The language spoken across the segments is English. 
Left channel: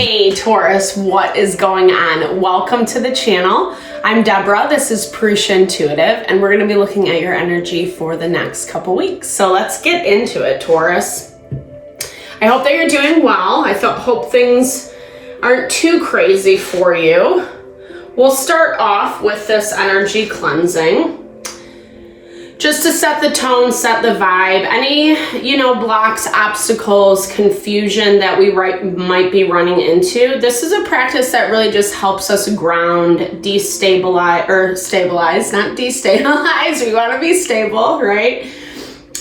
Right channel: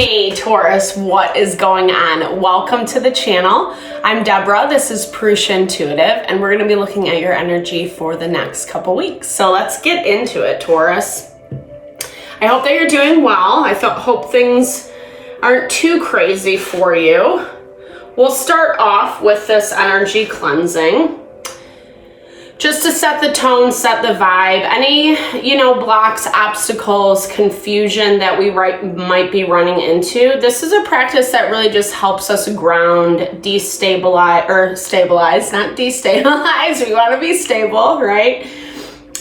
Hey Taurus, what is going on? Welcome to the channel. I'm Deborah, this is Purusha Intuitive, and we're going to be looking at your energy for the next couple weeks. So let's get into it, Taurus. I hope that you're doing well. I hope things aren't too crazy for you. We'll start off with this energy cleansing. Just to set the tone, set the vibe, any, blocks, obstacles, confusion that we might be running into. This is a practice that really just helps us ground, stabilize, not destabilize. We want to be stable, right?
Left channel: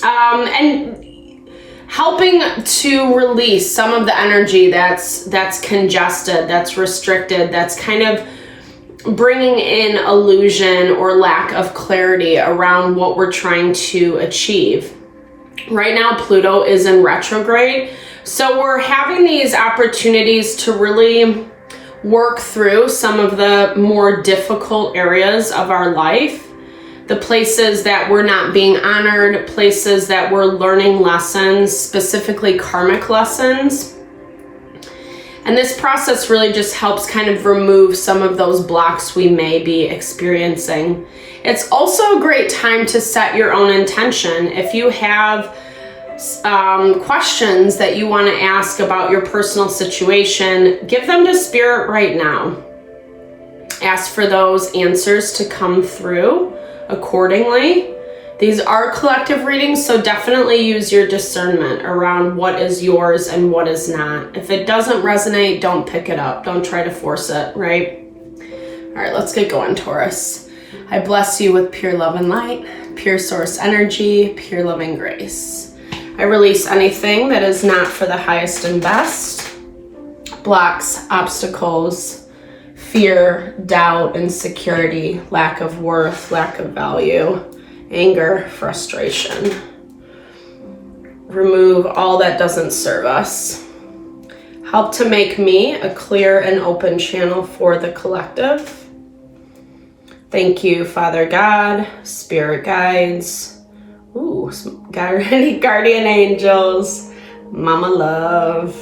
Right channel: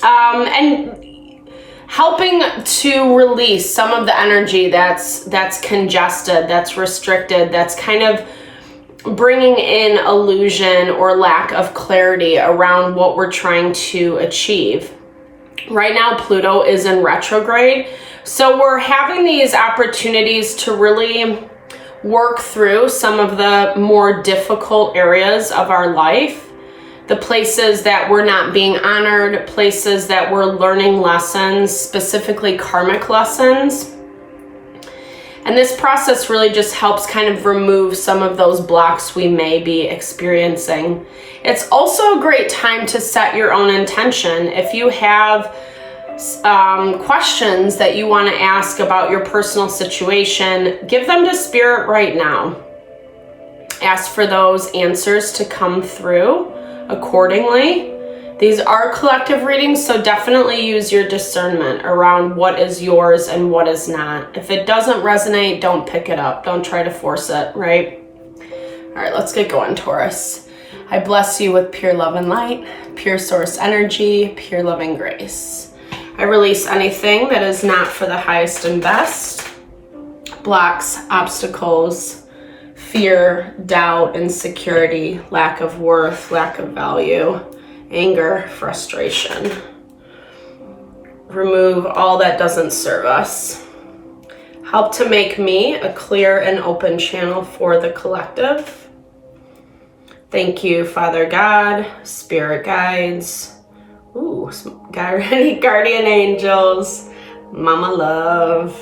And helping to release some of the energy that's congested, that's restricted, that's kind of bringing in illusion or lack of clarity around what we're trying to achieve. Right now, Pluto is in retrograde, so we're having these opportunities to really work through some of the more difficult areas of our life, the places that we're not being honored, places that we're learning lessons, specifically karmic lessons. And this process really just helps kind of remove some of those blocks we may be experiencing. It's also a great time to set your own intention. If you have questions that you want to ask about your personal situation, give them to Spirit right now. Ask for those answers to come through accordingly. These are collective readings, so definitely use your discernment around what is yours and what is not. If it doesn't resonate, don't pick it up. Don't try to force it, right? All right, let's get going, Taurus. I bless you with pure love and light, pure source energy, pure loving grace. I release anything that is not for the highest and best, blocks, obstacles, fear, doubt, insecurity, lack of worth, lack of value, anger, frustration. Remove all that doesn't serve us. Help to make me a clear and open channel for the collective. Thank you, Father God, Spirit guides, guardian angels, Mama Love.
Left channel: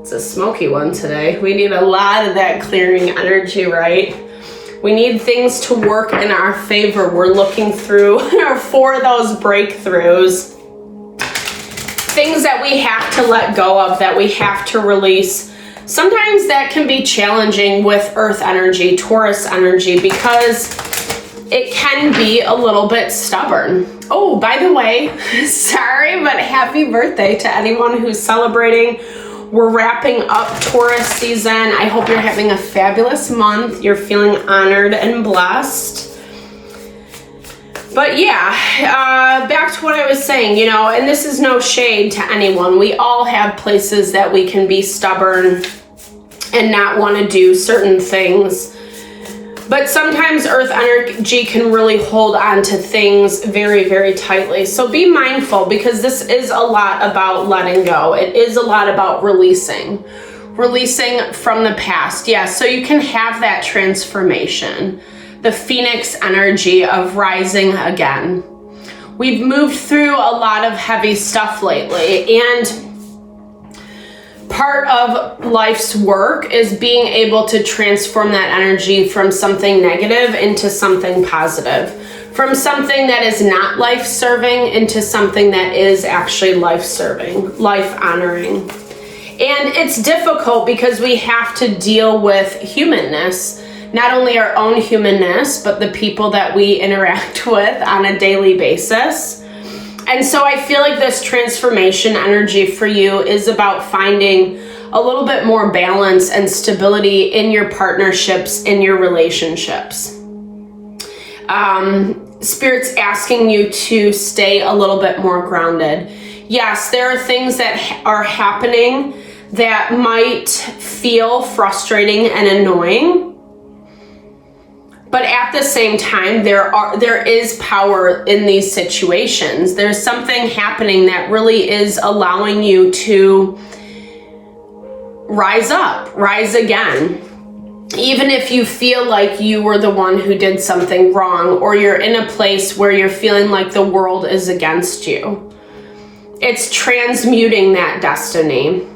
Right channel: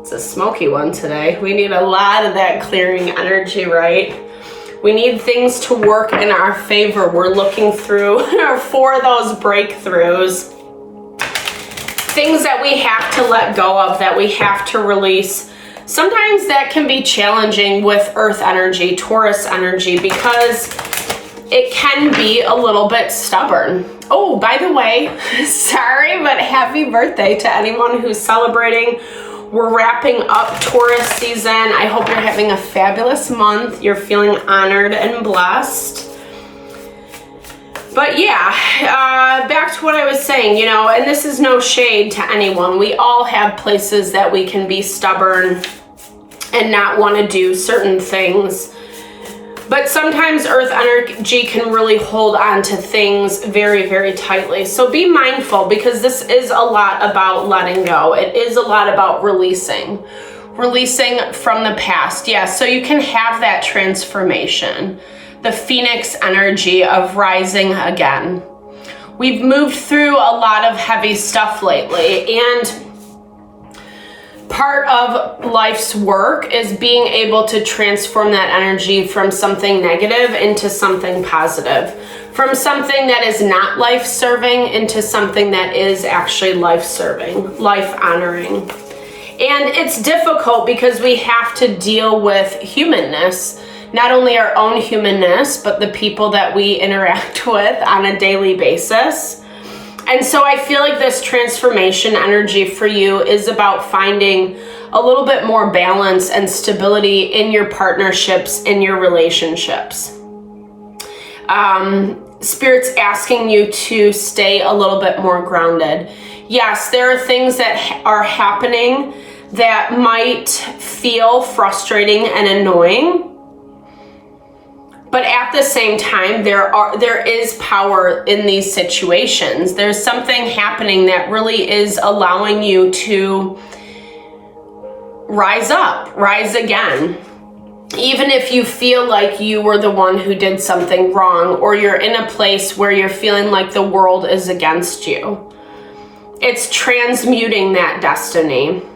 It's a smoky one today. We need a lot of that clearing energy, right? We need things to work in our favor. We're looking through for those breakthroughs. Things that we have to let go of, that we have to release. Sometimes that can be challenging with Earth energy, Taurus energy, because it can be a little bit stubborn. Oh, by the way, sorry, but happy birthday to anyone who's celebrating. We're wrapping up Taurus season. I hope you're having a fabulous month. You're feeling honored and blessed. But yeah, back to what I was saying, and this is no shade to anyone. We all have places that we can be stubborn and not want to do certain things. But sometimes Earth energy can really hold on to things very, very tightly. So be mindful, because this is a lot about letting go. It is a lot about releasing from the past. Yeah, so you can have that transformation, the Phoenix energy of rising again. We've moved through a lot of heavy stuff lately, and part of life's work is being able to transform that energy from something negative into something positive, from something that is not life-serving into something that is actually life-serving, life-honoring. And it's difficult because we have to deal with humanness, not only our own humanness, but the people that we interact with on a daily basis. And so I feel like this transformation energy for you is about finding a little bit more balance and stability in your partnerships, in your relationships. Spirit's asking you to stay a little bit more grounded. Yes, there are things that are happening that might feel frustrating and annoying. But at the same time, there is power in these situations. There's something happening that really is allowing you to rise up, rise again. Even if you feel like you were the one who did something wrong, or you're in a place where you're feeling like the world is against you. It's transmuting that destiny.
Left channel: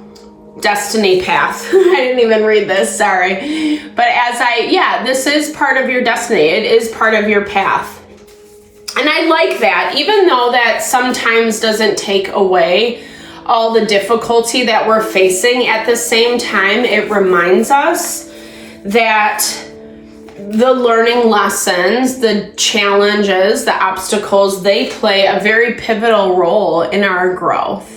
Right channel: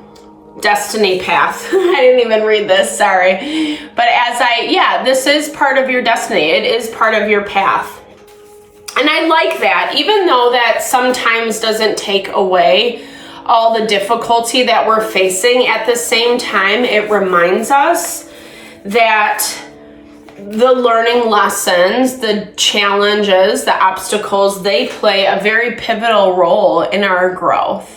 Destiny path. I didn't even read this, sorry. But this is part of your destiny. It is part of your path. And I like that, even though that sometimes doesn't take away all the difficulty that we're facing. At the same time, it reminds us that the learning lessons, the challenges, the obstacles, they play a very pivotal role in our growth.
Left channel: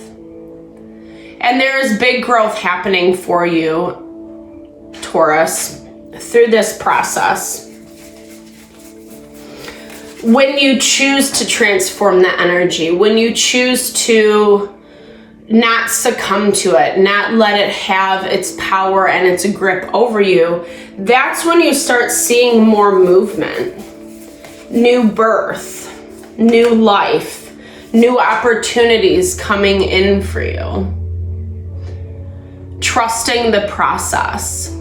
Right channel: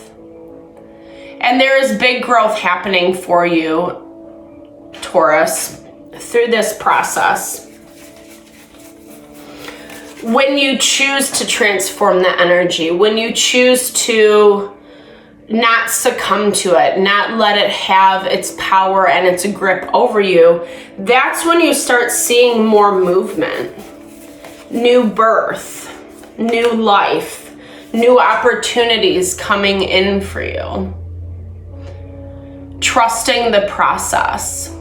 And there is big growth happening for you, Taurus, through this process. When you choose to transform the energy, when you choose to not succumb to it, not let it have its power and its grip over you, that's when you start seeing more movement, new birth, new life, new opportunities coming in for you. Trusting the process.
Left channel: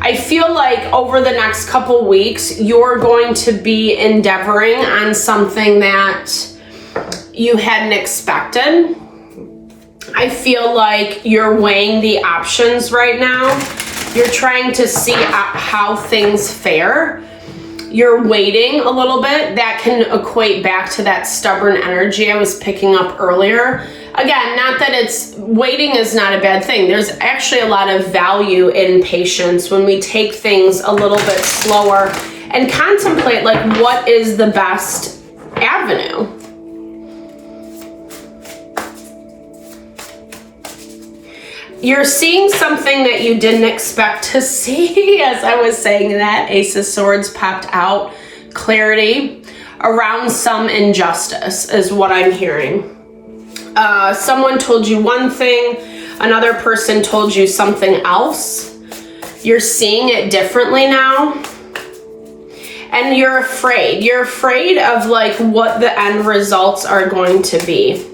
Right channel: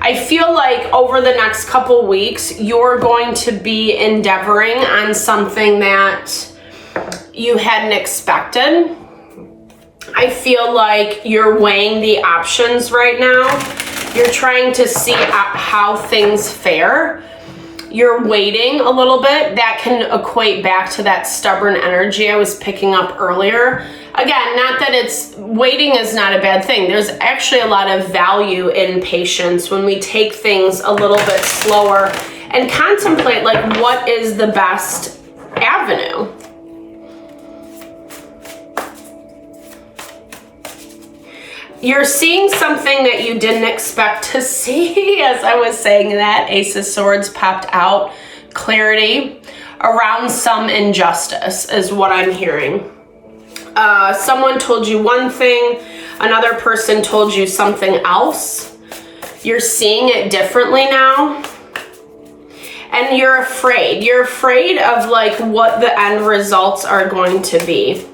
I feel like over the next couple weeks, you're going to be endeavoring on something that you hadn't expected. I feel like you're weighing the options right now. You're trying to see how things fare. You're waiting a little bit. That can equate back to that stubborn energy I was picking up earlier. Again, not that waiting is not a bad thing. There's actually a lot of value in patience when we take things a little bit slower and contemplate, like, what is the best avenue? You're seeing something that you didn't expect to see. As I was saying that, Ace of Swords popped out. Clarity around some injustice is what I'm hearing. Someone told you one thing, another person told you something else. You're seeing it differently now. And you're afraid. You're afraid of, like, what the end results are going to be.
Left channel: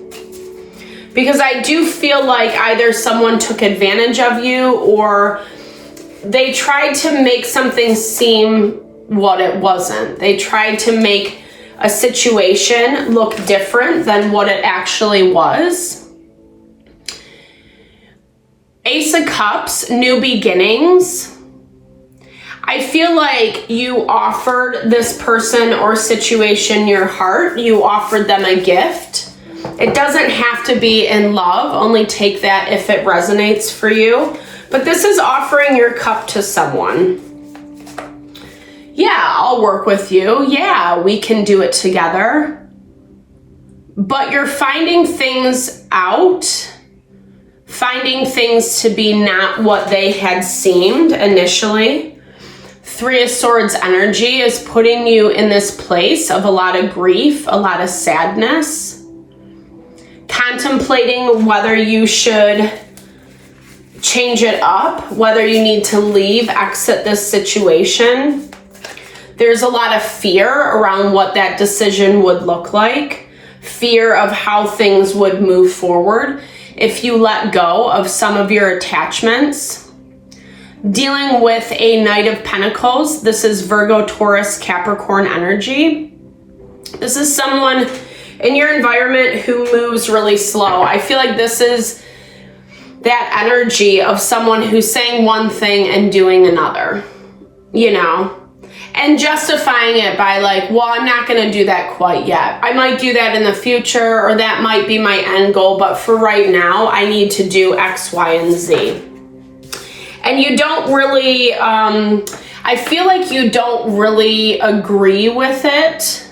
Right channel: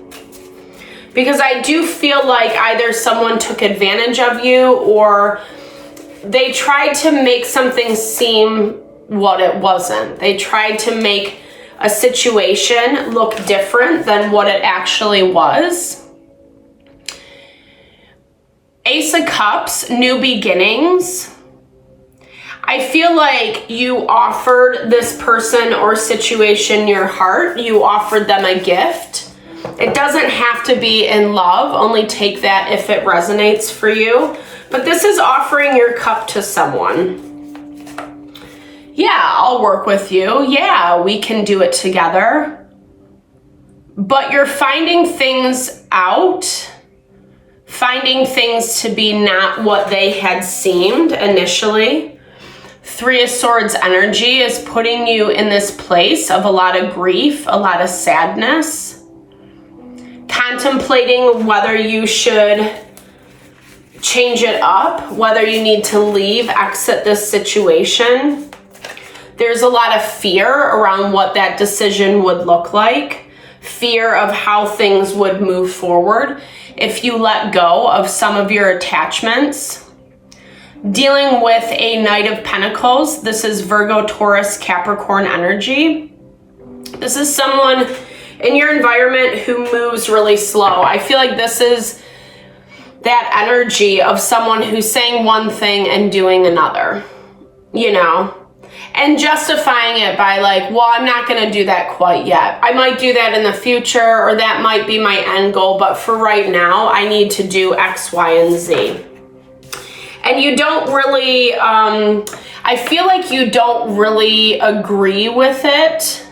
Because I do feel like either someone took advantage of you or they tried to make something seem what it wasn't. They tried to make a situation look different than what it actually was. Ace of Cups, new beginnings. I feel like you offered this person or situation your heart. You offered them a gift. It doesn't have to be in love. Only take that if it resonates for you. But this is offering your cup to someone. Yeah, I'll work with you. Yeah, we can do it together. But you're finding things out, finding things to be not what they had seemed initially. Three of Swords energy is putting you in this place of a lot of grief, a lot of sadness. Contemplating whether you should change it up, whether you need to leave, exit this situation. There's a lot of fear around what that decision would look like. Fear of how things would move forward if you let go of some of your attachments. Dealing with a Knight of Pentacles. This is Virgo, Taurus, Capricorn energy. This is someone in your environment who moves really slow. I feel like this is that energy of someone who's saying one thing and doing another, you know, and justifying it by, like, well, I'm not going to do that quite yet. I might do that in the future, or that might be my end goal, but for right now, I need to do X, Y, and Z. And you don't really, I feel like you don't really agree with it.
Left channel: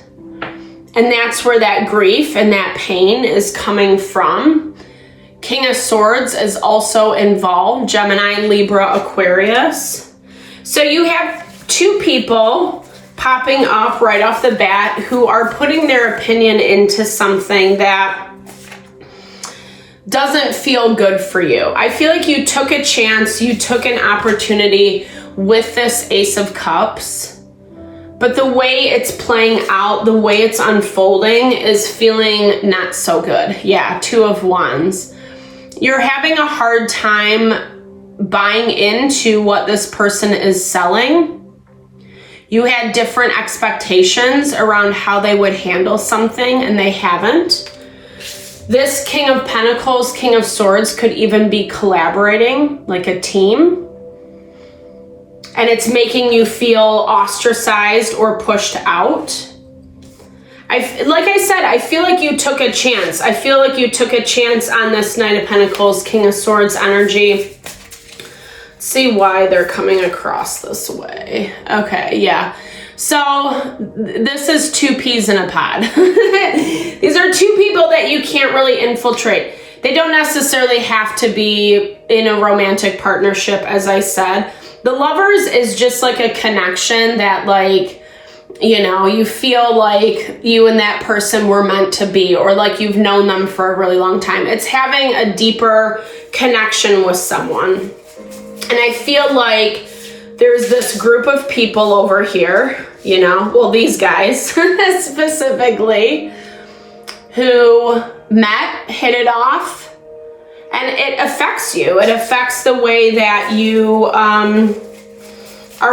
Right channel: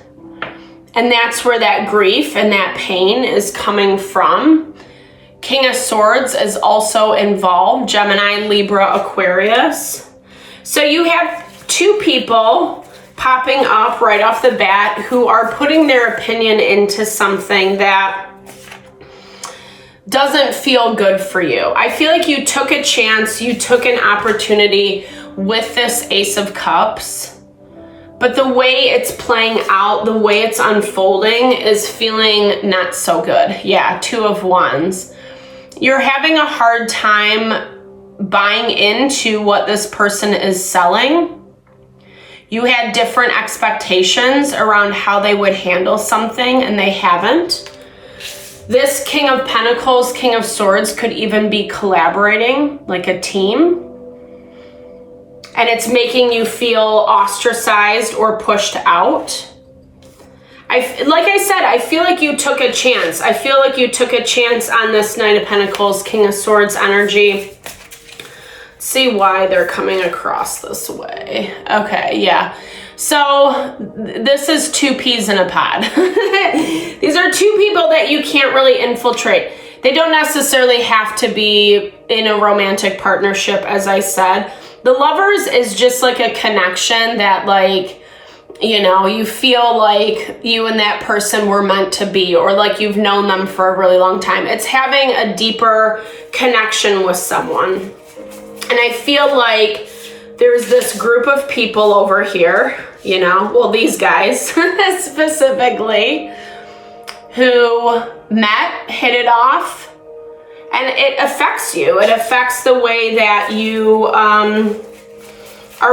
And that's where that grief and that pain is coming from. King of Swords is also involved. Gemini, Libra, Aquarius. So you have two people popping up right off the bat who are putting their opinion into something that doesn't feel good for you. I feel like you took a chance, you took an opportunity with this Ace of Cups. But the way it's playing out, the way it's unfolding is feeling not so good. Yeah, Two of Wands. You're having a hard time buying into what this person is selling. You had different expectations around how they would handle something and they haven't. This King of Pentacles, King of Swords could even be collaborating, like a team. And it's making you feel ostracized or pushed out. Like I said, I feel like you took a chance. I feel like you took a chance on this Knight of Pentacles, King of Swords energy. Let's see why they're coming across this way. Okay, yeah. So this is two peas in a pod. These are two people that you can't really infiltrate. They don't necessarily have to be in a romantic partnership, as I said. The Lovers is just like a connection that, like, you know, you feel like you and that person were meant to be, or like you've known them for a really long time. It's having a deeper connection with someone. And I feel like there's this group of people over here, you know, well, these guys specifically, who met, hit it off, and it affects you. It affects the way that you are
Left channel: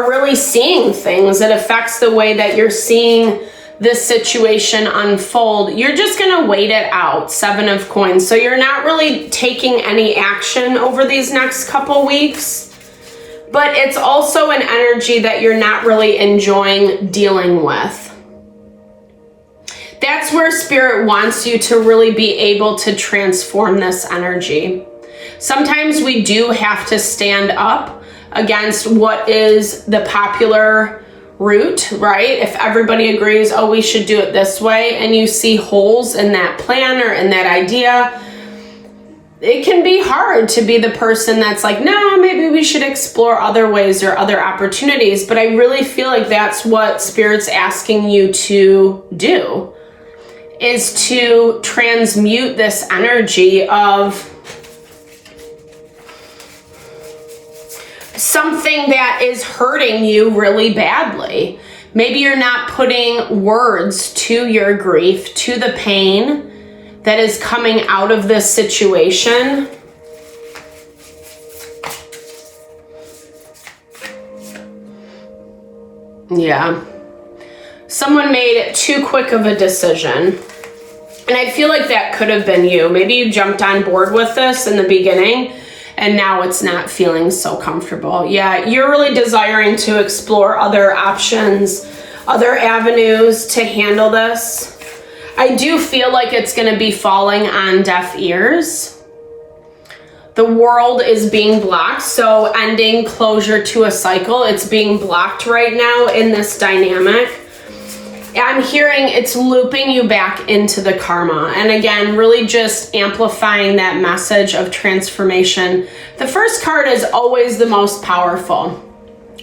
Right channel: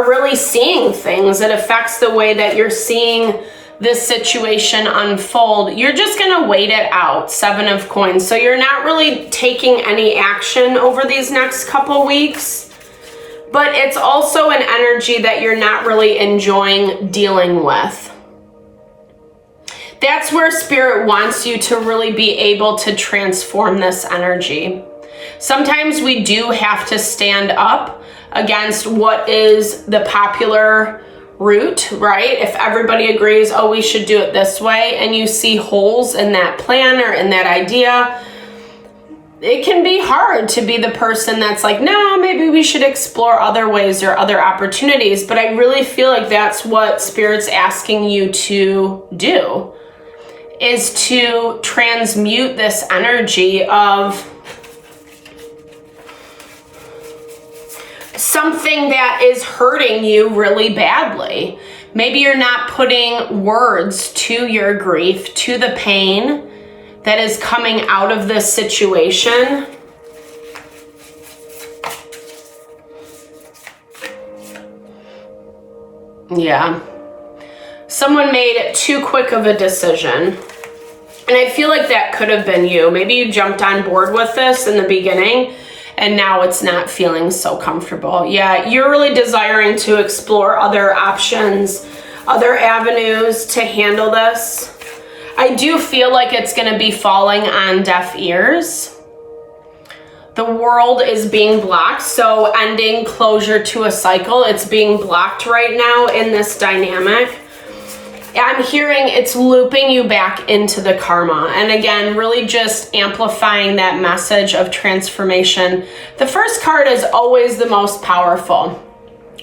really seeing things. It affects the way that you're seeing this situation unfold. You're just gonna wait it out, 7 of Coins. So you're not really taking any action over these next couple weeks. But it's also an energy that you're not really enjoying dealing with. That's where Spirit wants you to really be able to transform this energy. Sometimes we do have to stand up against what is the popular route, right? If everybody agrees, oh, we should do it this way, and you see holes in that plan or in that idea, it can be hard to be the person that's like, no, maybe we should explore other ways or other opportunities. But I really feel like that's what Spirit's asking you to do, is to transmute this energy of something that is hurting you really badly. Maybe you're not putting words to your grief, to the pain that is coming out of this situation. Yeah. Someone made too quick of a decision. And I feel like that could have been you. Maybe you jumped on board with this in the beginning, and now it's not feeling so comfortable. Yeah, you're really desiring to explore other options, other avenues to handle this. I do feel like it's going to be falling on deaf ears. The world is being blocked, so ending closure to a cycle. It's being blocked right now in this dynamic. I'm hearing it's looping you back into the karma. And again, really just amplifying that message of transformation. The first card is always the most powerful.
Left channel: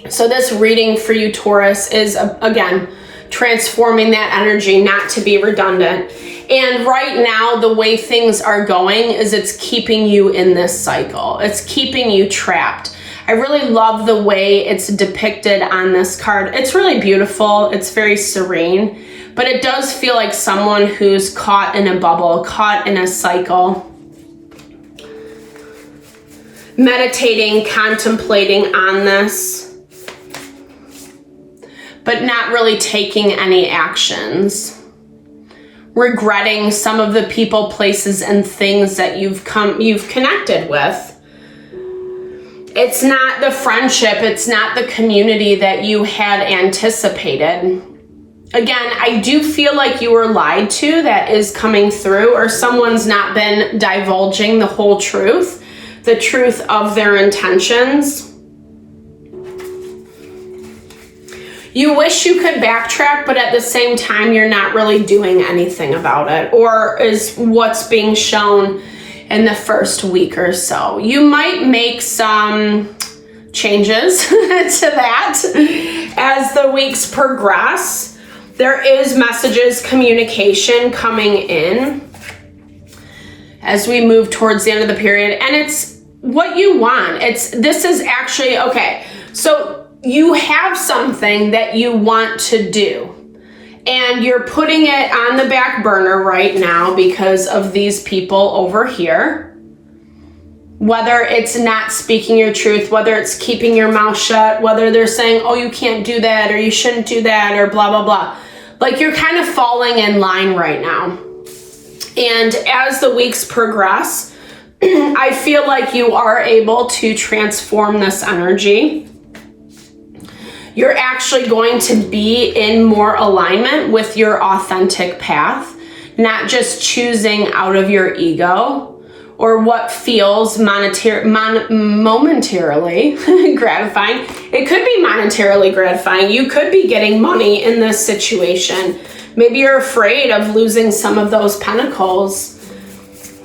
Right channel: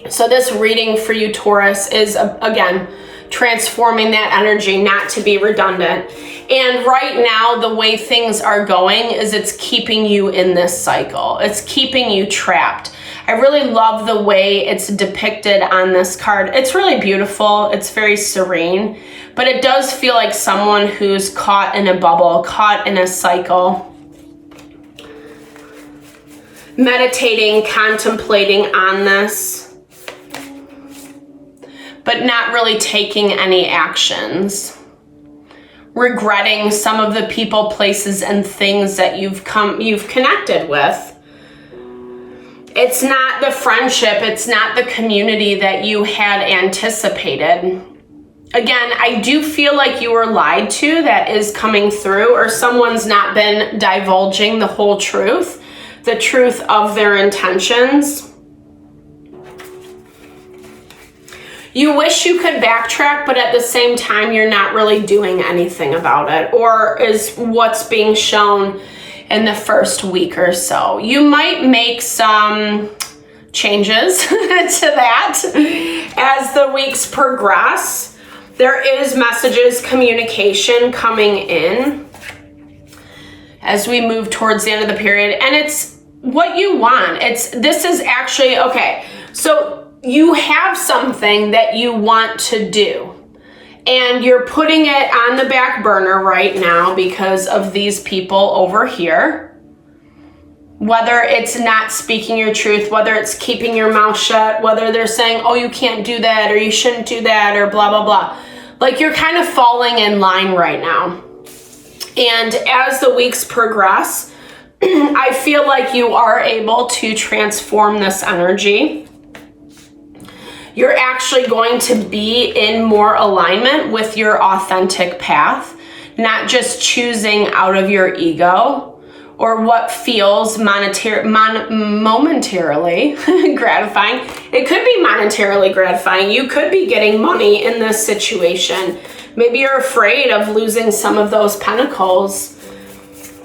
So this reading for you, Taurus, is, again, transforming that energy, not to be redundant. And right now, the way things are going is it's keeping you in this cycle. It's keeping you trapped. I really love the way it's depicted on this card. It's really beautiful. It's very serene, but it does feel like someone who's caught in a bubble, caught in a cycle, meditating, contemplating on this, but not really taking any actions. Regretting some of the people, places, and things that you've connected with. It's not the friendship, it's not the community that you had anticipated. Again, I do feel like you were lied to. That is coming through, or someone's not been divulging the whole truth, the truth of their intentions. You wish you could backtrack, but at the same time, you're not really doing anything about it, or is what's being shown in the first week or so. You might make some changes to that as the weeks progress. There is messages, communication coming in as we move towards the end of the period, and it's what you want. This is actually, okay, so you have something that you want to do, and you're putting it on the back burner right now because of these people over here. Whether it's not speaking your truth, whether it's keeping your mouth shut, whether they're saying, oh, you can't do that, or you shouldn't do that, or blah, blah, blah. Like, you're kind of falling in line right now. And as the weeks progress, I feel like you are able to transform this energy. You're actually going to be in more alignment with your authentic path, not just choosing out of your ego or what feels momentarily gratifying. It could be monetarily gratifying. You could be getting money in this situation. Maybe you're afraid of losing some of those pentacles.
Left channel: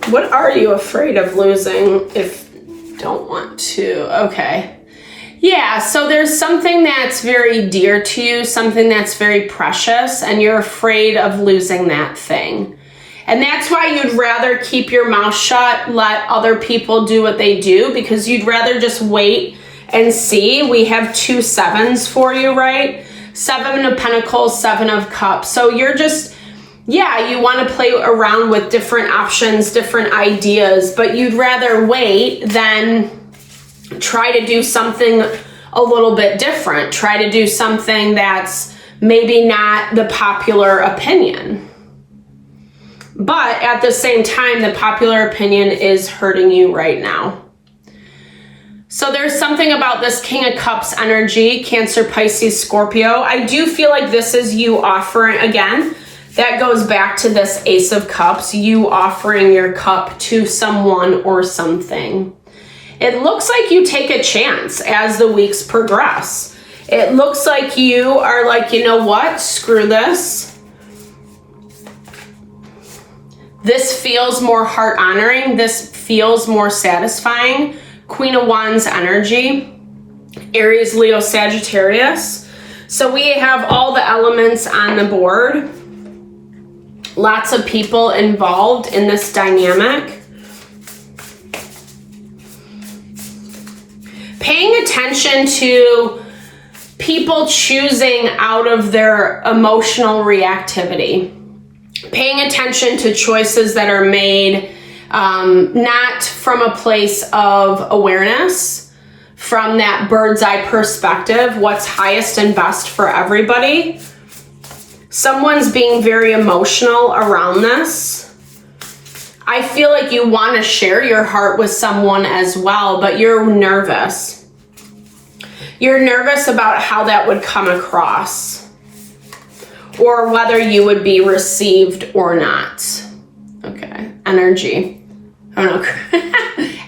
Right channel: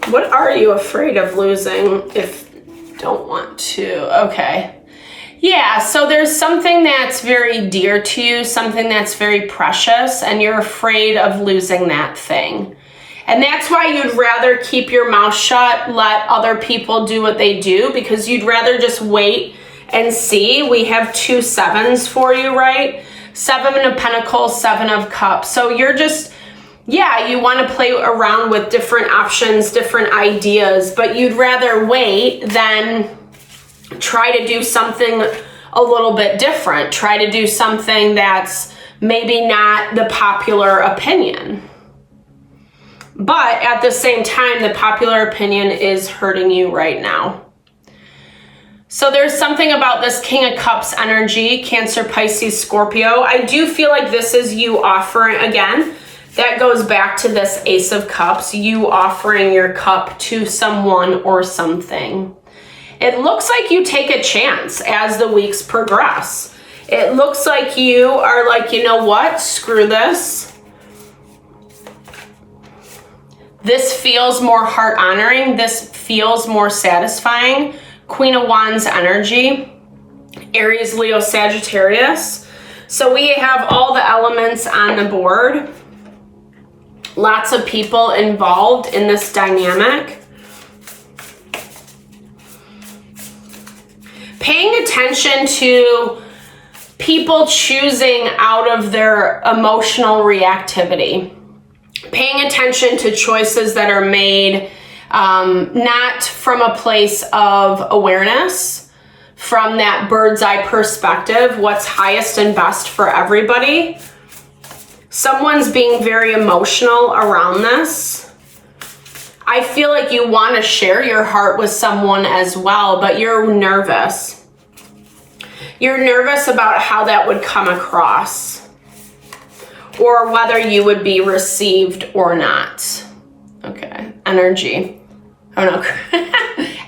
What are you afraid of losing if you don't want to? Okay. Yeah, so there's something that's very dear to you, something that's very precious, and you're afraid of losing that thing. And that's why you'd rather keep your mouth shut, let other people do what they do, because you'd rather just wait and see. We have 2 sevens for you, right? 7 of Pentacles, 7 of Cups. So you're just, yeah, you want to play around with different options, different ideas, but you'd rather wait than try to do something a little bit different. Try to do something that's maybe not the popular opinion. But at the same time, the popular opinion is hurting you right now. So there's something about this King of Cups energy, Cancer, Pisces, Scorpio. I do feel like this is you offering, again, that goes back to this Ace of Cups, you offering your cup to someone or something. It looks like you take a chance as the weeks progress. It looks like you are like, you know what, screw this. This feels more heart honoring. This feels more satisfying. Queen of Wands energy, Aries, Leo, Sagittarius. So we have all the elements on the board. Lots of people involved in this dynamic. Paying attention to people choosing out of their emotional reactivity. Paying attention to choices that are made not from a place of awareness, from that bird's eye perspective, what's highest and best for everybody. Someone's being very emotional around this. I feel like you want to share your heart with someone as well, but you're nervous. You're nervous about how that would come across, or whether you would be received or not. Okay, energy. Oh no,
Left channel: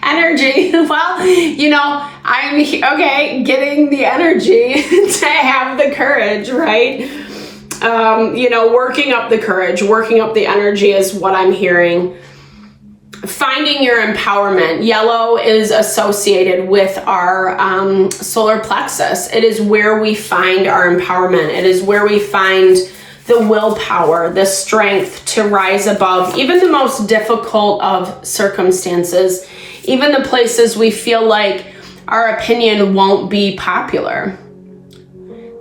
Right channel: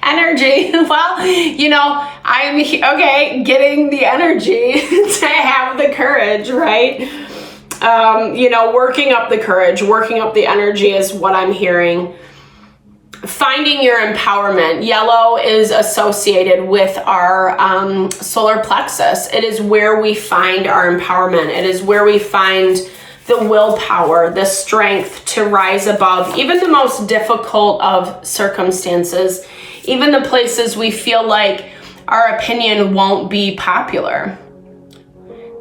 energy. Well, you know, I'm getting the energy to have the courage, right? You know, working up the courage, working up the energy is what I'm hearing. Finding your empowerment. Yellow is associated with our solar plexus. It is where we find our empowerment. It is where we find the willpower, the strength to rise above even the most difficult of circumstances, even the places we feel like our opinion won't be popular.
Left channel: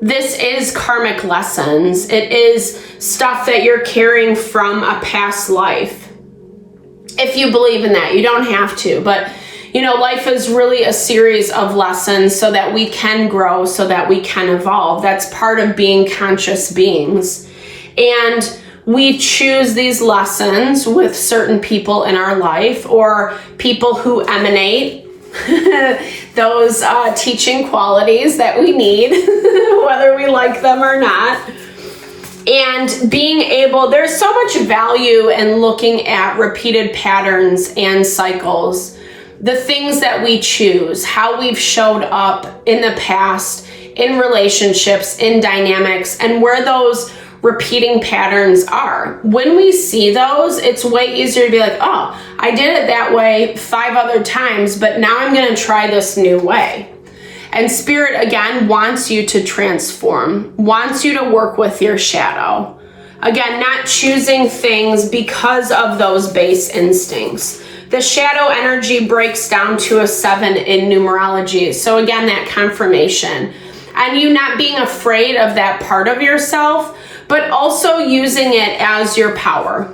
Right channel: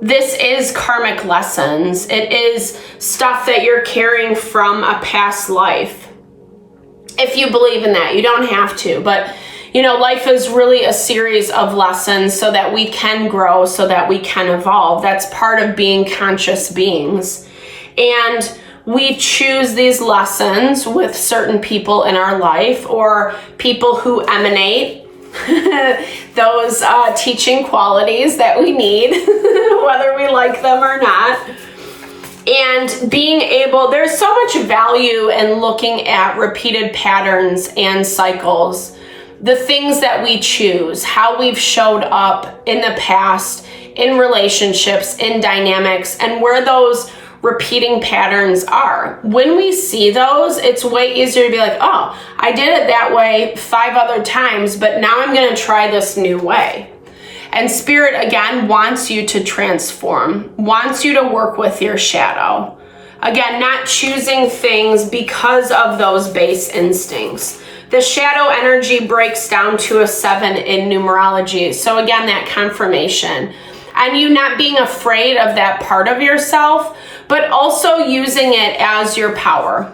This is karmic lessons. It is stuff that you're carrying from a past life. If you believe in that, you don't have to, but you know, life is really a series of lessons so that we can grow, so that we can evolve. That's part of being conscious beings. And we choose these lessons with certain people in our life, or people who emanate those teaching qualities that we need, whether we like them or not. And being able, there's so much value in looking at repeated patterns and cycles, the things that we choose, how we've showed up in the past, in relationships, in dynamics, and where those repeating patterns are. When we see those, it's way easier to be like, oh, I did it that way 5 other times, but now I'm going to try this new way. And Spirit, again, wants you to transform, wants you to work with your shadow. Again, not choosing things because of those base instincts. The shadow energy breaks down to a 7 in numerology. So again, that confirmation. And you not being afraid of that part of yourself, but also using it as your power,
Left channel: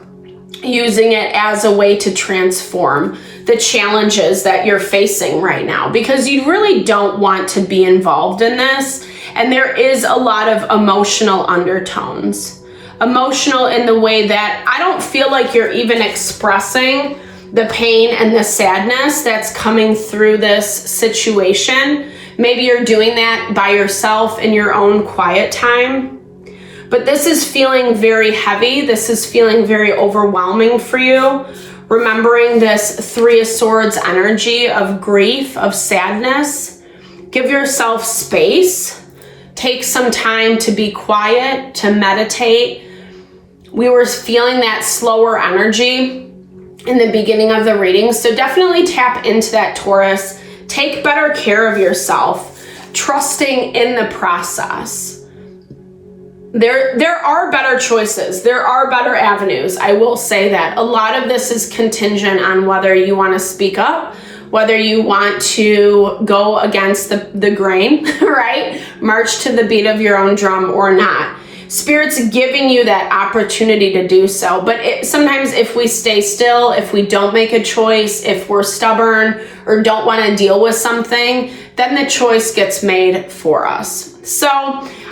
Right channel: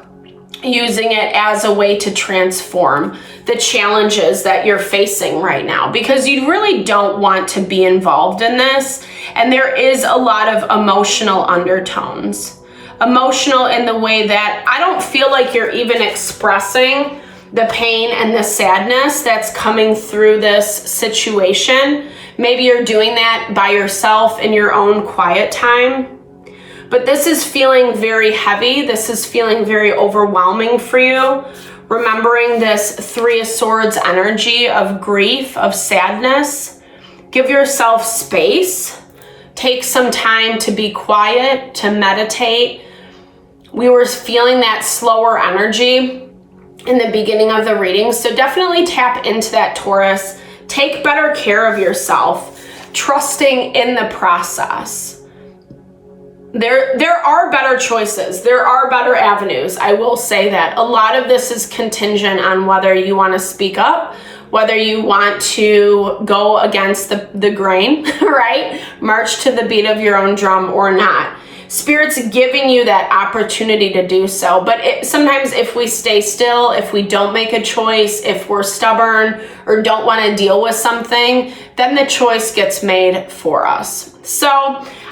using it as a way to transform the challenges that you're facing right now, because you really don't want to be involved in this. And there is a lot of emotional undertones. emotional in the way that I don't feel like you're even expressing the pain and the sadness that's coming through this situation. Maybe you're doing that by yourself in your own quiet time. But this is feeling very heavy. This is feeling very overwhelming for you. Remembering this Three of Swords energy of grief, of sadness. Give yourself space. Take some time to be quiet, to meditate. We were feeling that slower energy in the beginning of the reading. So definitely tap into that, Taurus. Take better care of yourself, trusting in the process. There are better choices. There are better avenues. I will say that. A lot of this is contingent on whether you want to speak up, whether you want to go against the grain, right? March to the beat of your own drum or not. Spirit's giving you that opportunity to do so. But sometimes if we stay still, if we don't make a choice, if we're stubborn or don't want to deal with something, then the choice gets made for us. So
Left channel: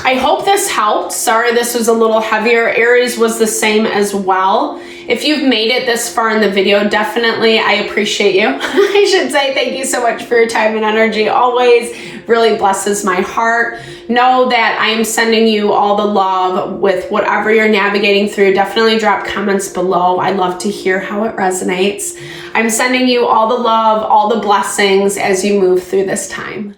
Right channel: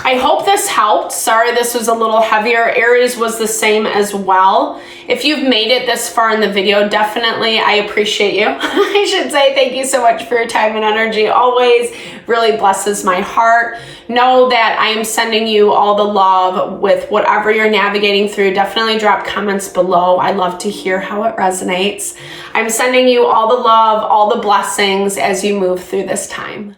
I hope this helped. Sorry, this was a little heavier. Aries was the same as well. If you've made it this far in the video, definitely I appreciate you. I should say thank you so much for your time and energy. Always really blesses my heart. Know that I am sending you all the love with whatever you're navigating through. Definitely drop comments below. I love to hear how it resonates. I'm sending you all the love, all the blessings as you move through this time.